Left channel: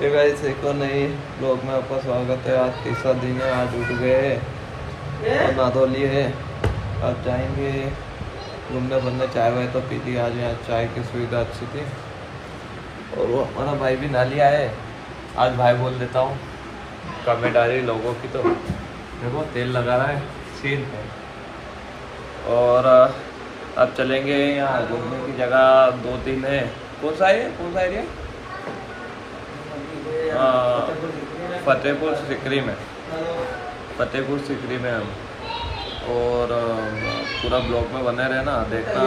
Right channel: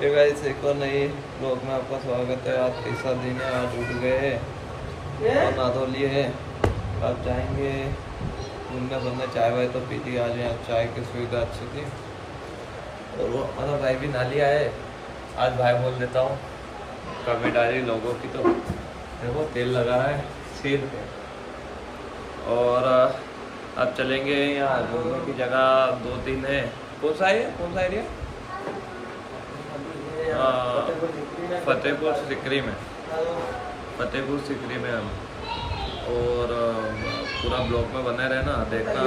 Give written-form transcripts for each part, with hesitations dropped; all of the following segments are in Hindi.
ये गाइस एक और नई ब्लॉग में आपका स्वागत है। आज तीसरा दिन है। आज उठ गए और नहा धो लिए। अब जाएंगे घूमने फिरने। चाय वाय तो पी ली। आज यहाँ चाय की सुविधा अच्छी थी। और वो हमारा भाई भी नहा लिया है। आज भाई बोल देता हूँ कमेंट आ रही लोगों की। तो देखो तेल लगा है सीन पे। और अब चलेंगे यहाँ घूमने की जगह 2-3 है। कौन सा है, कौन सा एरिया? फतेहपुर सिकरी में। फतेहपुर सिकरी में हम। और पूरा ब्लॉग में बने रहना, देखना।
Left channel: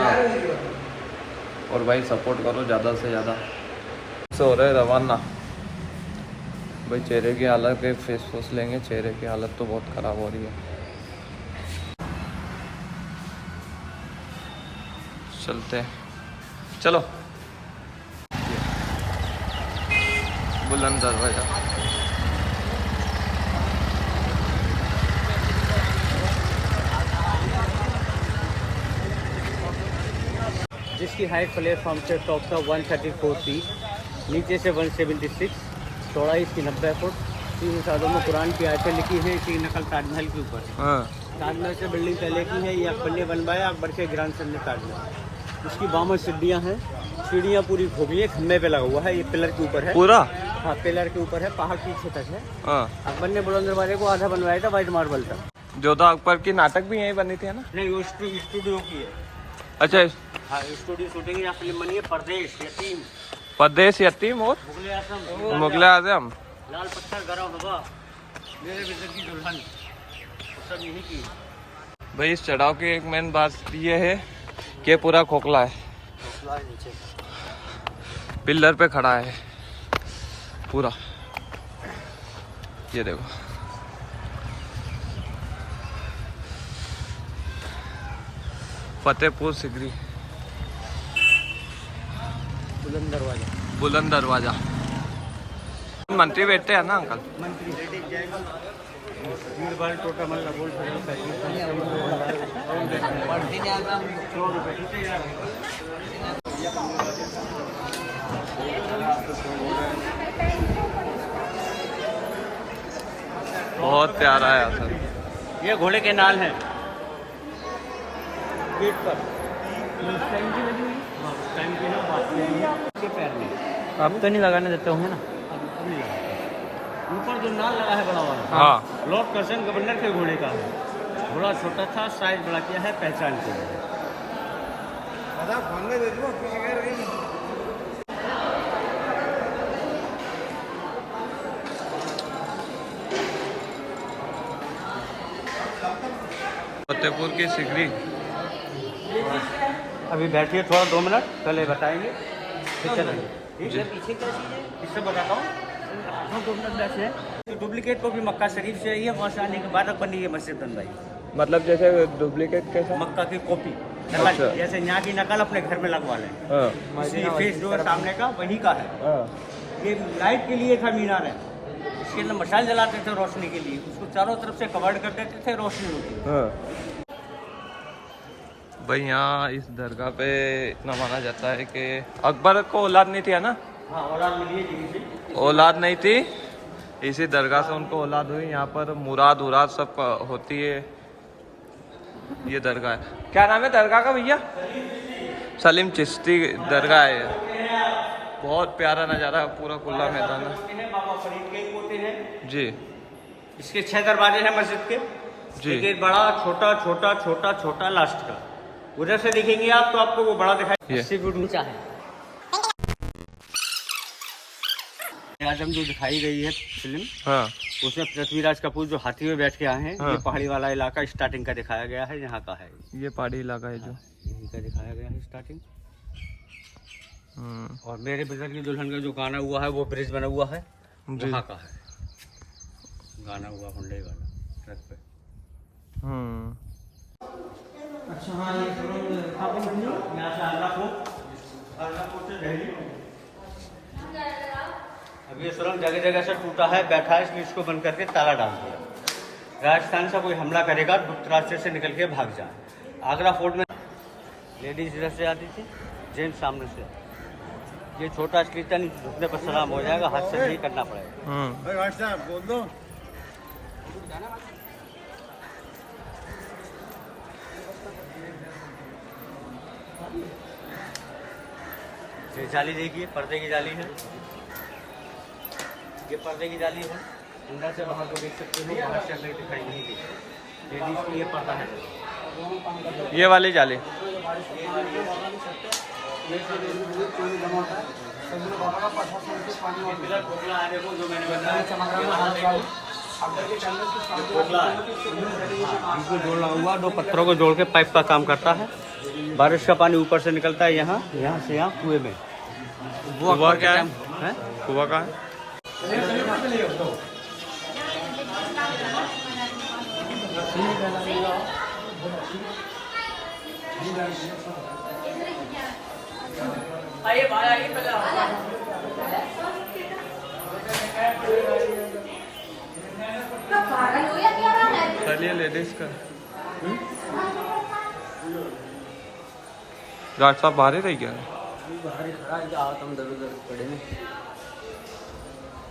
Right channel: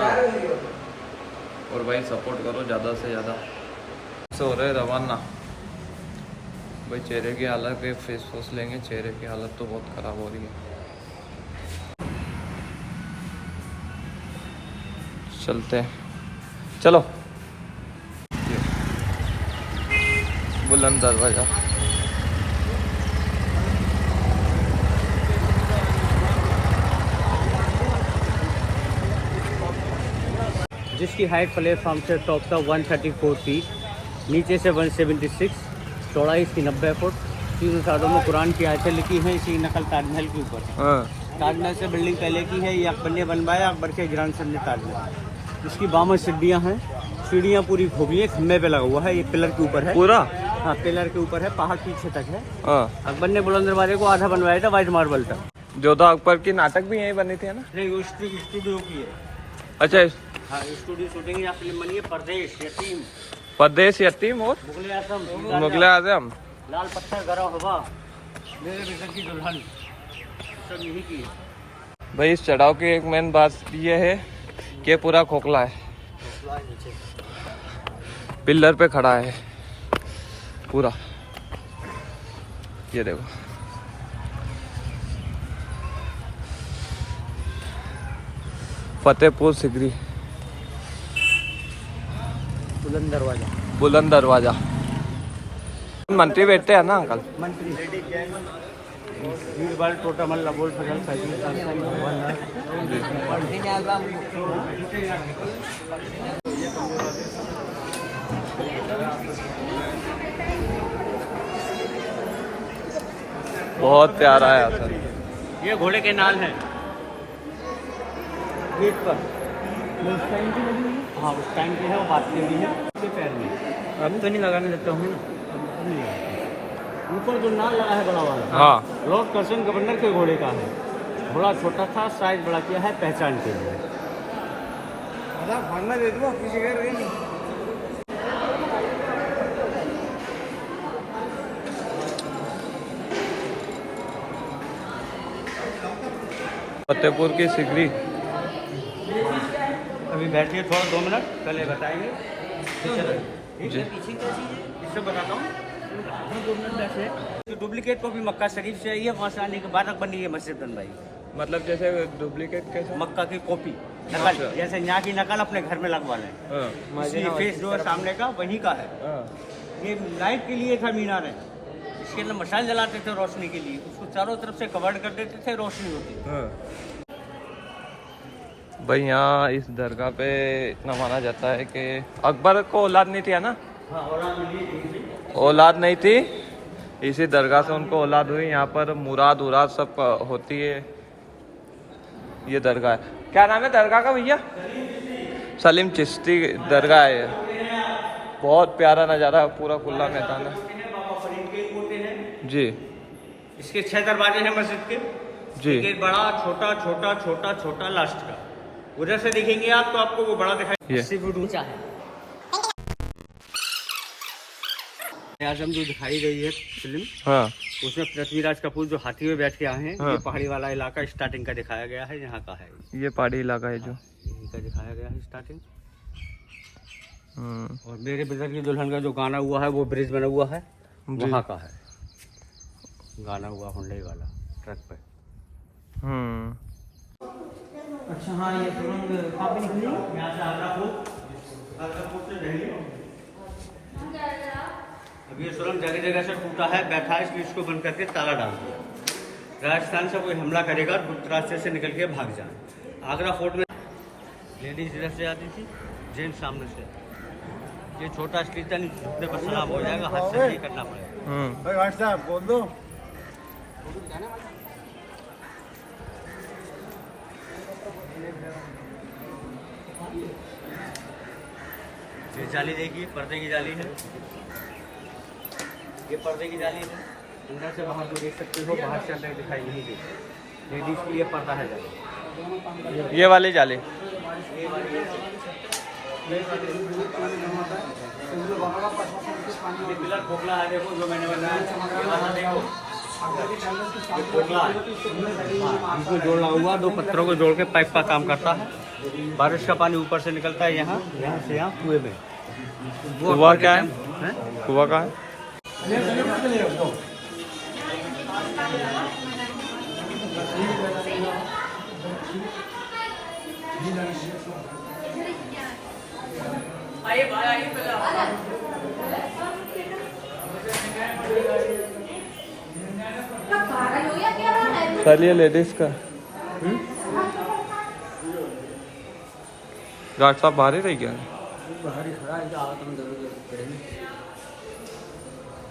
और भाई सपोर्ट करो ज़्यादा से ज़्यादा। से हो रहे रवाना भाई। चेहरे की हालत के फेस वॉश लेंगे। चेहरे की हालत तो बहुत ख़राब हो रही है। चलते हैं, चलो। बुलंद दरवाजा। जिसकी हाइट प्लेटफॉर्म से टॉप का 134 फीट, नीचे से 176, चौड़ाई इसकी 90 फुट। तीन सालों में कुरान की आयतें लिखी हैं। इसकी नकल ताजमहल के ऊपर है। ताजमहल से बिल्डिंग पहले की है। ये अकबर ने बनवाया, अकबर के ग्रैंडसन ने ताजमहल। इसकी 52 सीढ़ियाँ हैं। सीढ़ियाँ पूरी खोखली, खम्भे पे लगा हुआ है। ये पिलर के ऊपर है पूरा। हाँ, पिलर के ऊपर है। पहाड़ पीछे तक है। अकबर ने बुलंद दरवाजे को आधा बनवाया था व्हाइट मार्बल का। जोधा अकबर की नाटक भी यहीं बनी थी, है ना? नहीं, वो स्टूडियो की है। अच्छा। हाँ, स्टूडियो शूटिंग यहाँ फिल्म बनी है। परदेश यतीम, परदेश यतीम और मुगल आजम, मुगल आजम, लाल पत्थर, गरम हवा, मेरे बिजन की दुल्हन, सब यही की है। भाई इस चढ़ाव की एक मेन बात ये है कि पूरा खोखला है। पिलर पे खड़ा है पूरा। ये देखो, फतेहपुर सिकरी बुलंद दरवाजा। मंत्री बैठते हैं ना अंकल? मंत्री टोटा मल्ला बोल बहुत प्यारा है सर। ये घोड़े के नाल है गेट पर। उस टाइम की लगी हुई। हाँ, उस टाइम की है। वो हाथ की लगी है उसके पैर में। अब तो नहीं लगाने देता हूँ ना। अब नहीं लगाता। ऊपर जो नाल लगा है बड़ा वाला, हाँ, लॉर्ड कर्जन गवर्नर के घोड़े का है। घोड़ा छोटा था, साइज बड़ा किया है पहचान के लिए। फतेहपुर की सिकरी। अभी बैठिए थोड़ा 2 मिनट, पहले बताएंगे पीछे क्या चीज़ है। इससे बताता हूँ। डुप्लीकेट को भी मक्का शरीफ से ये वहाँ आने के बाद बनी है मस्जिद बनवाई। मतलब जैसे डुप्लीकेट कैसा? मक्का की कॉपी नकल। अच्छा। जैसे यहाँ की नकल अपने घर में लगवा लें। फेस जो है सामने का वही का है। ये लाइट के लिए था मीनार है। इसके अंदर मशाल जलाते थे रोशनी के लिए। उसको चारों तरफ से कवर कर देते थे, रोशनी होती। भाई यहाँ इस दरगाह पे इतना माना जाता है कि अकबर को औलाद नहीं थी, है ना? औलाद नहीं थी, इसी दरगाह से उनको औलाद हुई। यहाँ पर मुराद उराद सब होती है। ये दरगाह है। क्या नाम है दरगाह का भैया? सलीम चिश्ती दरगाह है। बहुत प्यारा नज़ारा है। पूरा खुला मैदान है जी। इसके 6 दरवाजे हैं मस्जिद के जी। एक बड़ा, छोटा, छोटा, छोटा, छोटा, लास्ट का। उधर से देखेंगे आप तो आपको वो बड़ा दिखाई। 80 फुट ऊंचा है। आजम जो दिखाई गई है फिल्म, हाँ, उसमें पृथ्वीराज कपूर जो हाथी में बैठ के आए हैं। हाँ। ये पहाड़ी वाला इलाका स्टार्टिंग का दिखाया गया है। यहाँ का है ये पहाड़ी इलाका है जो यहीं का दिखाया गया है स्टार्टिंग। और मेरे ब्रदर की दुल्हन का जो गाना हुआ है वो ब्रिज बना हुआ है, वहाँ का है गाना हुआ हुंडई वाला ट्रक पे। अच्छा हाँ, ये सुरंग कहाँ पे निकली? यहाँ से आगरा से दिल्ली। अब ये सुरंग जगह जगह से टूटा है, बैठा है, इसलिए इसको बंद करके ताला डाल दिया। राजस्थान से कोई हमला करेगा गुप्त रास्ते से निकल के भाग जाए। आगरा फोर्ट में लेडीज इधर से आती थी, जेंट्स सामने से। ये छोटा कीर्तन झुकने पर सलाम हो जाएगा, हाथ से नहीं करना पड़ेगा। ये जाली देखिए, पर्दे की जाली है। ये पर्दे की जाली है, अंदर से वहाँ को देख सकती हो, बाहर से अंदर दिखाई नहीं देती। लेडीज के लिए पर्दा है। ये वाली जाली खोखला है, देखो जो मैंने बनाया खोखला है। इनको जोड़ा हुआ, दो पत्थरों को जोड़ के पाइप का काम करता है। बारिश का पानी ऊपर से निकलता है, यहाँ से यहाँ कुएं में। कुआं क्या है? कुआं का है? चलिए लेडीज का डॉक्टर साहब बाहर ही रह गया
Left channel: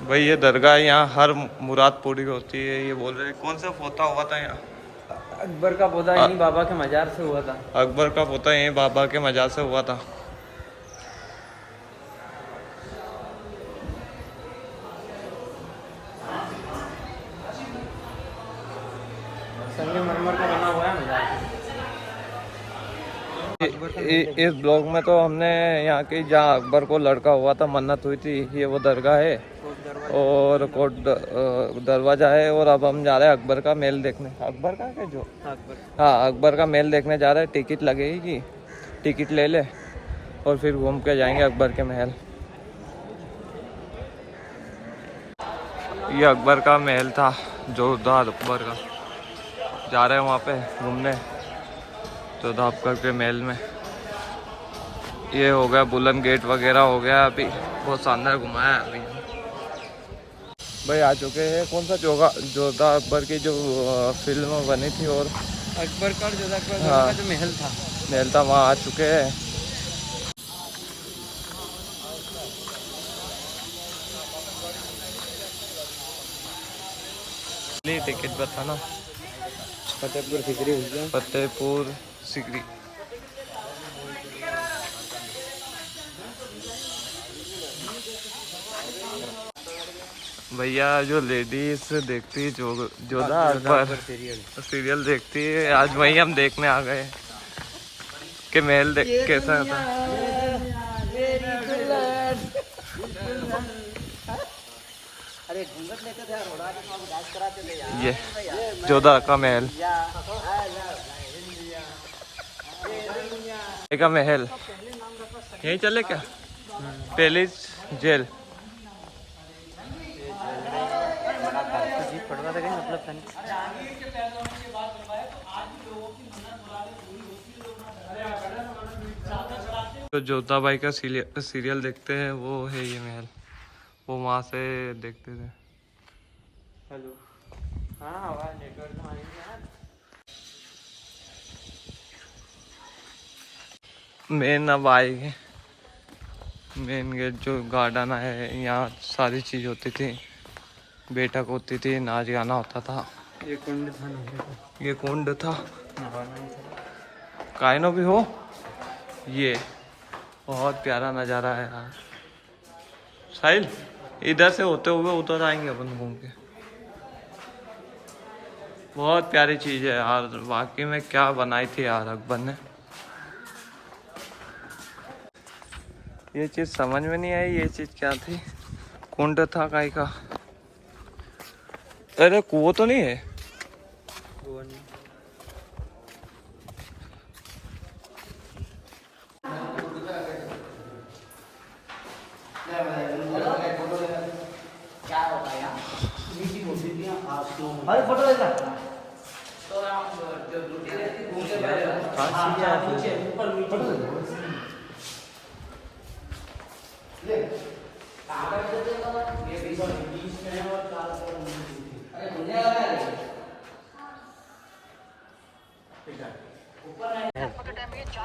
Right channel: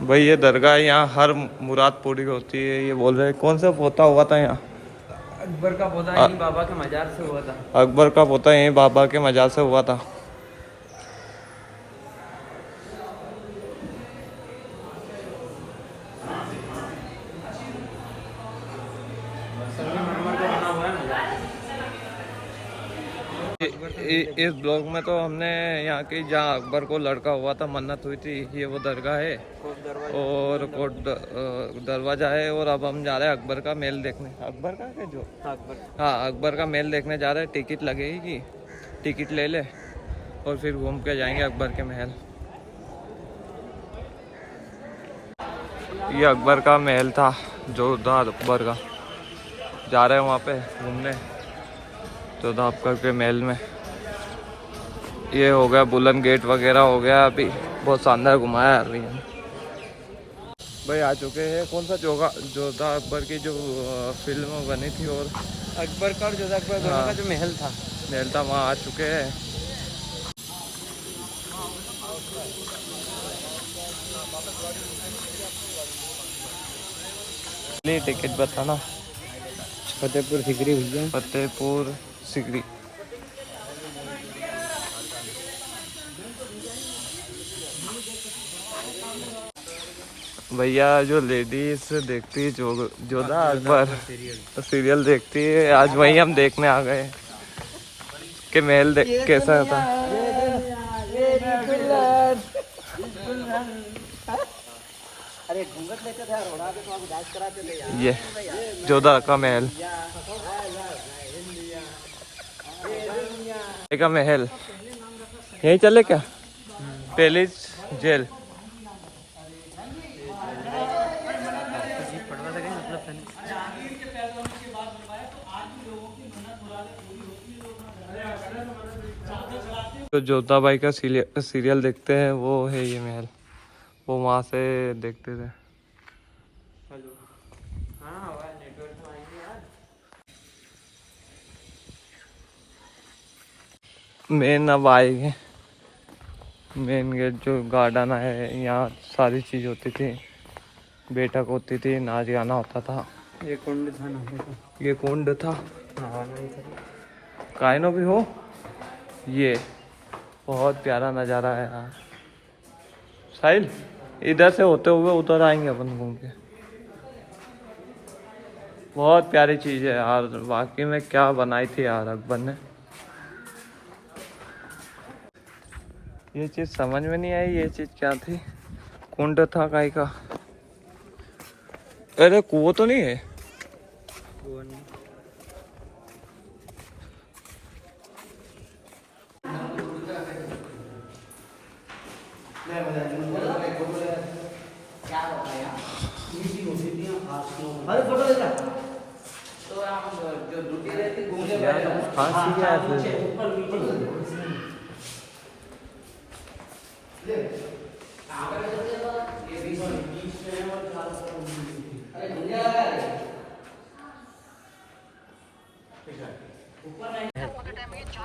भाई। ये दरगाह यहाँ हर मुराद पूरी होती है। ये बोल रहे कौन सा पोता हुआ था यहाँ? अकबर का पोता यहीं बाबा के मजार से हुआ था। अकबर का पोता यहीं बाबा के मजार से हुआ था। संगमरमर का बना हुआ है मजार। इस ब्लॉग में तो हमने यहाँ की जहाँ अकबर को लड़का हुआ था, मन्नत हुई थी, ये वो दरगाह है और कोट दरवाजा है। और अब हम जा रहे हैं अकबर का महल देखने। अकबर का क्या जो हाँ, अकबर का महल देखने जा रहे हैं। टिकट लगेगी, टिकट ले ले और फिर घूम के जाएंगे अकबर के महल। ये अकबर का महल था, जोरदार अकबर का। जा रहे हैं वहाँ पे घूमने जोरदार अकबर के महल में। ये हो गया बुलंद गेट वगैरह हो गया। अभी बहुत शानदार घुमाया अभी हम भाई। आ चुके हैं कौन सा जोधा अकबर की जो फिल्म बनी थी और अकबर का और जोधा अकबर हाँ, का जो महल था वहाँ आ चुके हैं। टिकट बताना। फतेहपुर सिकरी भैया, फतेहपुर सिकरी। भैया जो लेडीज देखती है जोधा अकबर सीरियल देखती है, आज वही हम देखने आ गए कि महल कैसा था। ये जोधा का महल का महल यही चले क्या? पैलेस जेल तो जोधा भाई का सीरियल देखते हैं, वो है ये महल। वो वहां से देखते थे। मेन अब आएंगे, मेन गेट जो गार्डन है, यहाँ सारी चीज होती थी, बैठक होती थी, नाच गाना होता था। ये कुंड था, ये कुंड था, काइनो भी हो। ये बहुत प्यारा नज़ारा है यार। साहिल इधर से होते हुए उधर आएंगे अपन घूम के। बहुत प्यारी चीज़ है यार, वाकई में क्या बनाई थी यार अकबर ने। ये चीज़ समझ में नहीं आई, ये चीज़ क्या थी? कुंड था काई का? अरे कुआं तो नहीं है?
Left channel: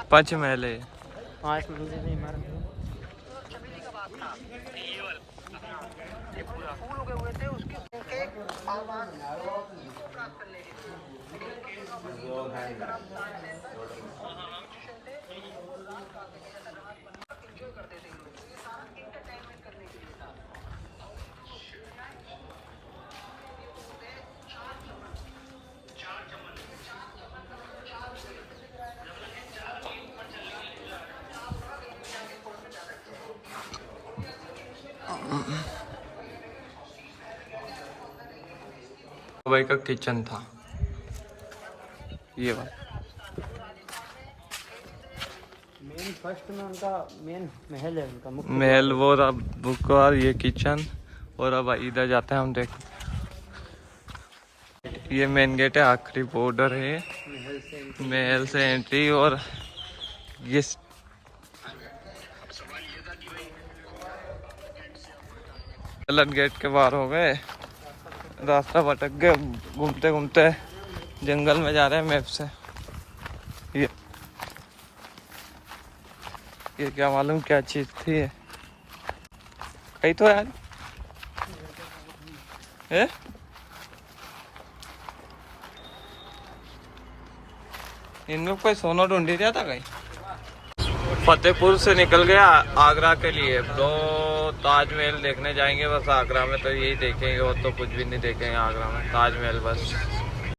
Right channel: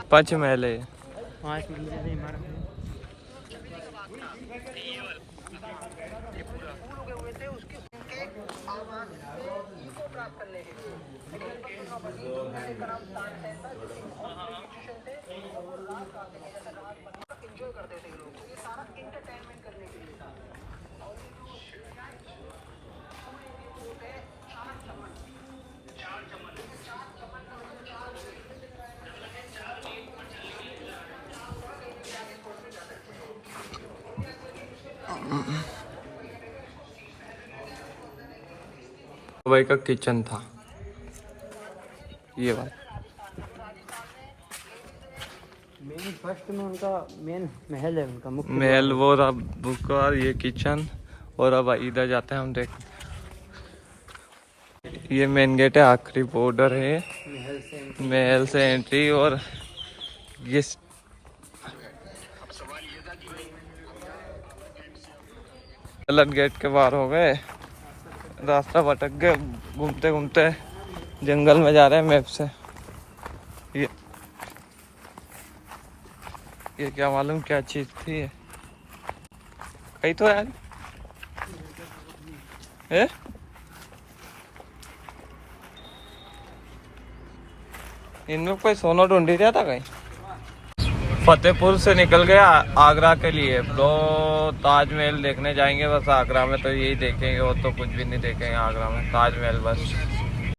पंचमहल है। 5 मंजिल इमारत है। भाई का किचन था ये बात। मेन फर्स्ट में उनका मेन महल है, उनका मुख्य महल वो रहा बुक और ये किचन। और अब इधर जाते हैं हम देख। ये मेन गेट है, आखिरी बॉर्डर है, महल से एंट्री। और ये गलत गेट के बाहर हो गए, रास्ता भटक गए, घूमते घूमते जंगल में जा रहे हैं मैप से। ये क्या मालूम क्या चीज थी यही तो यार है। इनमें कोई सोना ढूंढ रहा था कहीं। फतेहपुर से निकल गया आगरा के लिए। तो ताजमहल देखने जाएंगे बस। आगरा में तो यही देखेंगे और तो कुछ भी नहीं देखेंगे आगरा में, ताजमहल बस।